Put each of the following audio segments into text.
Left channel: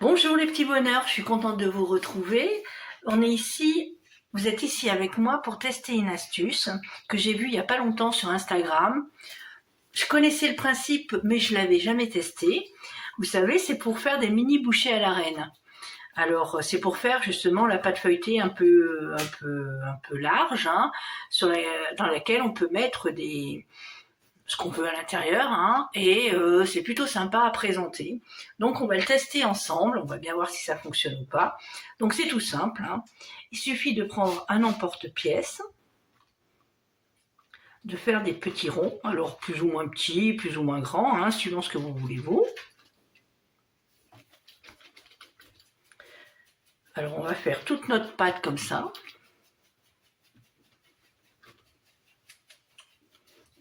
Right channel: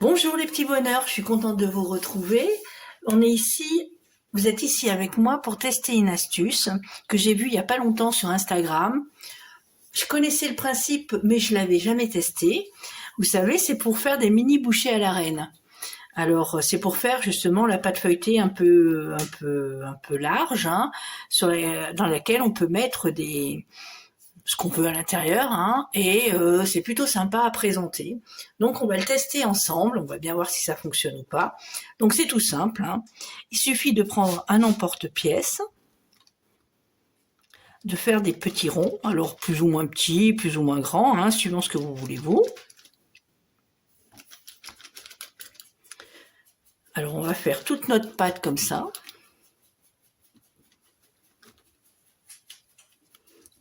Bonjour les petits bonheurs, je suis contente de vous retrouver. Vous êtes ici avec moi pour tester une astuce que j'ai vue il n'y a pas longtemps sur Instagram. Je connaissais le principe, mais je l'avais jamais testé. Vous savez, c'est pour faire des mini bouchées à la reine. Alors, c'est pour faire justement la pâte feuilletée un peu large, hein, dans laquelle on peut mettre ce qu'on veut à l'intérieur, hein, et c'est plutôt sympa à présenter. Donc on va le tester ensemble, on va bien voir si ça fonctionne ou pas. Donc c'est tout simple, hein. Il suffit de prendre un emporte-pièce, de faire des petits ronds, alors plus ou moins petits, plus ou moins grands, hein, suivant ce que vous voulez vous. Alors on va faire toute notre pâte comme ça.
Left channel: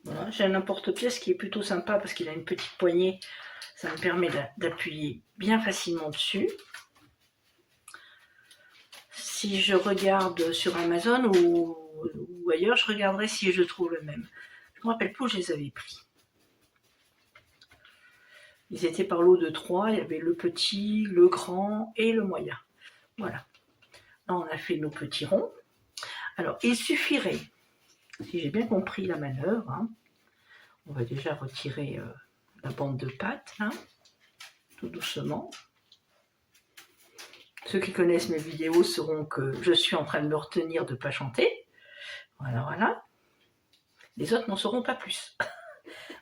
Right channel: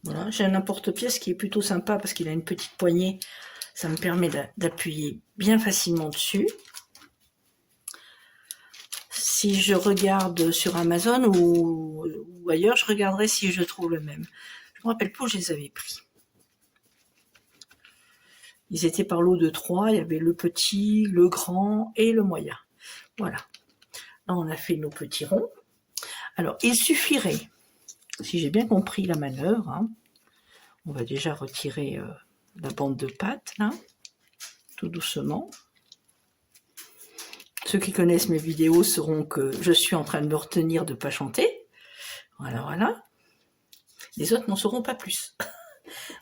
Voilà, j'ai un emporte-pièce qui est plutôt sympa parce qu'il a une petite poignée, ça me permet d'appuyer bien facilement dessus. Si je regarde sur Amazon ou ailleurs, je regarderai si je trouve le même. Je me rappelle plus où je les avais pris. Ils étaient par lot de 3, il y avait le petit, le grand et le moyen. Voilà. Là, on a fait nos petits ronds. Alors, il suffirait, si j'ai bien compris la manœuvre, hein, on va déjà retirer la bande de pâte, là, tout doucement. Ceux qui connaissent mes vidéos sauront que je suis en train de me retenir de ne pas chanter. Voilà, voilà. Les autres n'en sauront pas plus.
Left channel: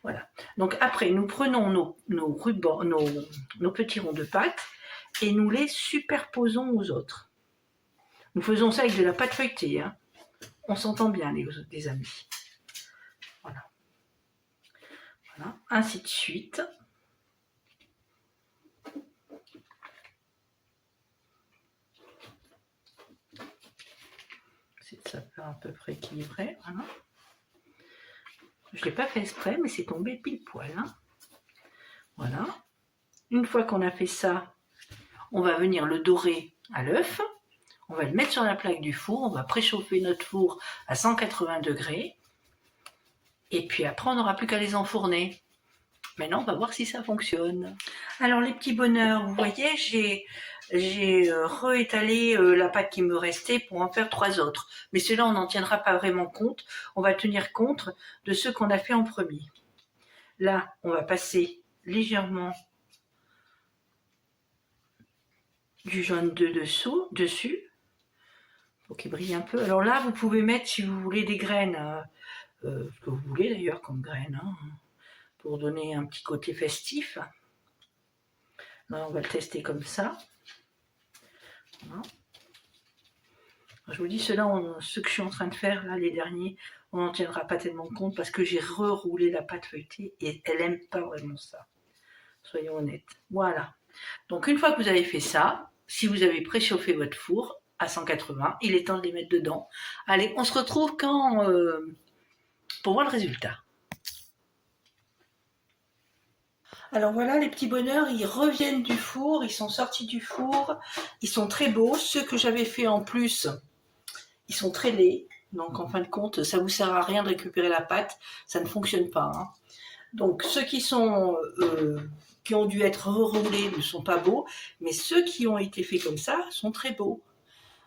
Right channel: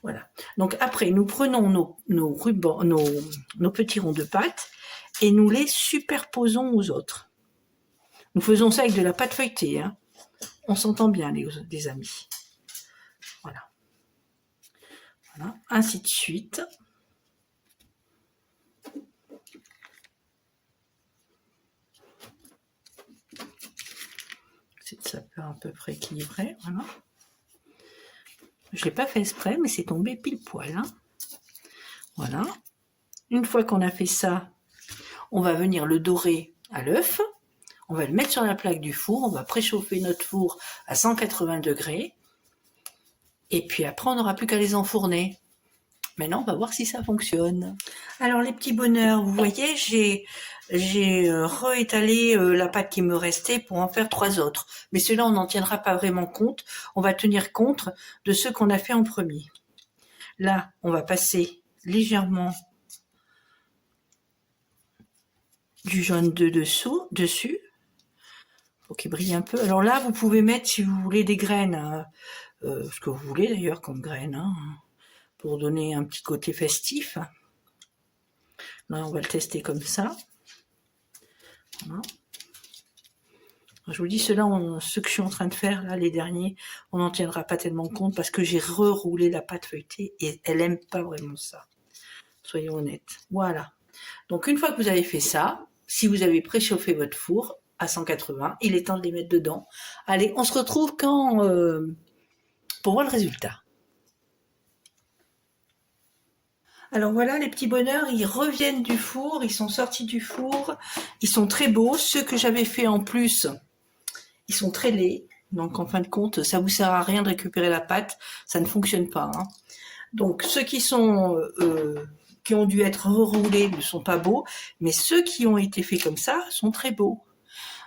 Voilà. Donc après, nous prenons nos petits ronds de pâte et nous les superposons aux autres. Nous faisons ça avec de la pâte feuilletée, hein. On s'entend bien, les amis. Voilà. Voilà. Ainsi de suite. C'est de ça à peu près équilibré. Voilà. Je ne l'ai pas fait exprès, mais c'est tombé pile poil, hein. Voilà. Une fois qu'on a fait ça, on va venir le dorer à l'œuf. On va le mettre sur la plaque du four. On va préchauffer notre four à 180 degrés. Et puis après, on n'aura plus qu'à les enfourner. Maintenant, on va voir si ça fonctionne. Alors, les petits bonheurs, vous voyez, j'ai réétalé la pâte qui me restait pour en faire 3 autres. Mais ceux-là, on n'en tiendra pas vraiment compte. On va tenir compte de ceux qu'on a fait en premier. Là, on va passer légèrement du jaune dessus, pour qu'il brille un peu. Alors là, vous pouvez mettre, si vous voulez, des graines, ce que vous voulez d'ailleurs comme graines, hein, pour donner un petit côté festif. Là, on va le tester comme ça. Voilà. Je vous dis, ceux que je suis en train de faire, là, les derniers, on n'en tiendra pas tellement compte parce que j'ai reroulé la pâte feuilletée et elle n'aime pas vraiment ça. Soyons honnêtes. Voilà. Donc, une fois que vous avez fait ça, si vous avez préchauffé votre four à 180, il est temps de les mettre dedans. Allez, on se retrouve pour voir le résultat. Alors voilà, les petits bonheurs, ils reviennent du four, ils sont sortis du four, ils sont très beaux. Ceux que j'avais fait en plus, ils sont très laids. Donc en fin de compte, ça vous sert à rien de récupérer la pâte, ça ne fonctionne pas, hein. Donc ceux qui ont dû être reroulés ne sont pas beaux, mais ceux qui ont été faits comme ça sont très beaux.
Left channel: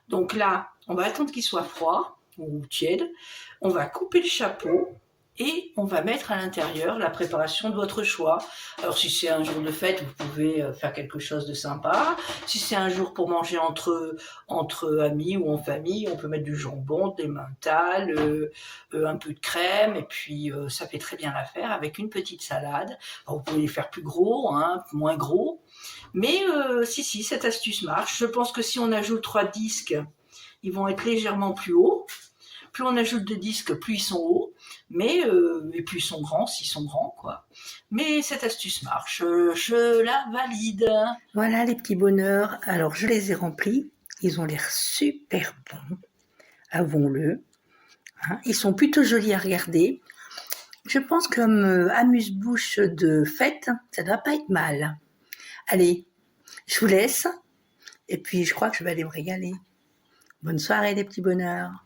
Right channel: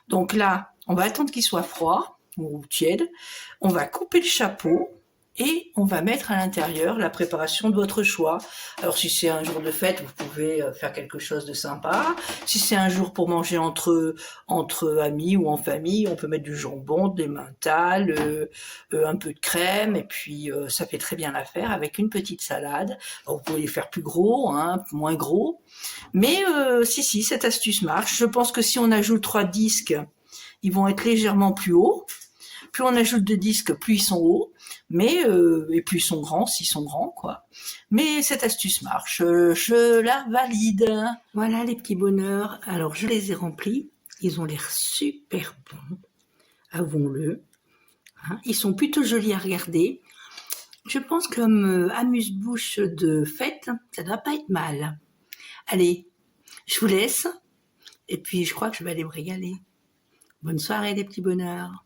Donc là, on va attendre qu'il soit froid ou tiède. On va couper le chapeau et on va mettre à l'intérieur la préparation de votre choix. Alors si c'est un jour de fête, vous pouvez faire quelque chose de sympa. Si c'est un jour pour manger entre amis ou en famille, on peut mettre du jambon, des mentales, un peu de crème, et puis ça fait très bien l'affaire avec une petite salade. Alors, vous pouvez les faire plus gros, hein, moins gros. Mais si, cette astuce marche. Je pense que si on ajoute 3 disques, ils vont être légèrement plus hauts. Plus on ajoute de disques, plus ils sont hauts. Et plus ils sont grands, s'ils sont grands, quoi. Mais cette astuce marche, je la valide. Voilà les petits bonheurs. Alors je les ai remplis. Ils ont l'air super bons, avouons-le. Hein, ils sont plutôt jolis à regarder. Je pense que comme amuse-bouche de fête, ça ne doit pas être mal. Allez, je vous laisse. Et puis je crois que je vais aller me régaler. Bonne soirée les petits bonheurs.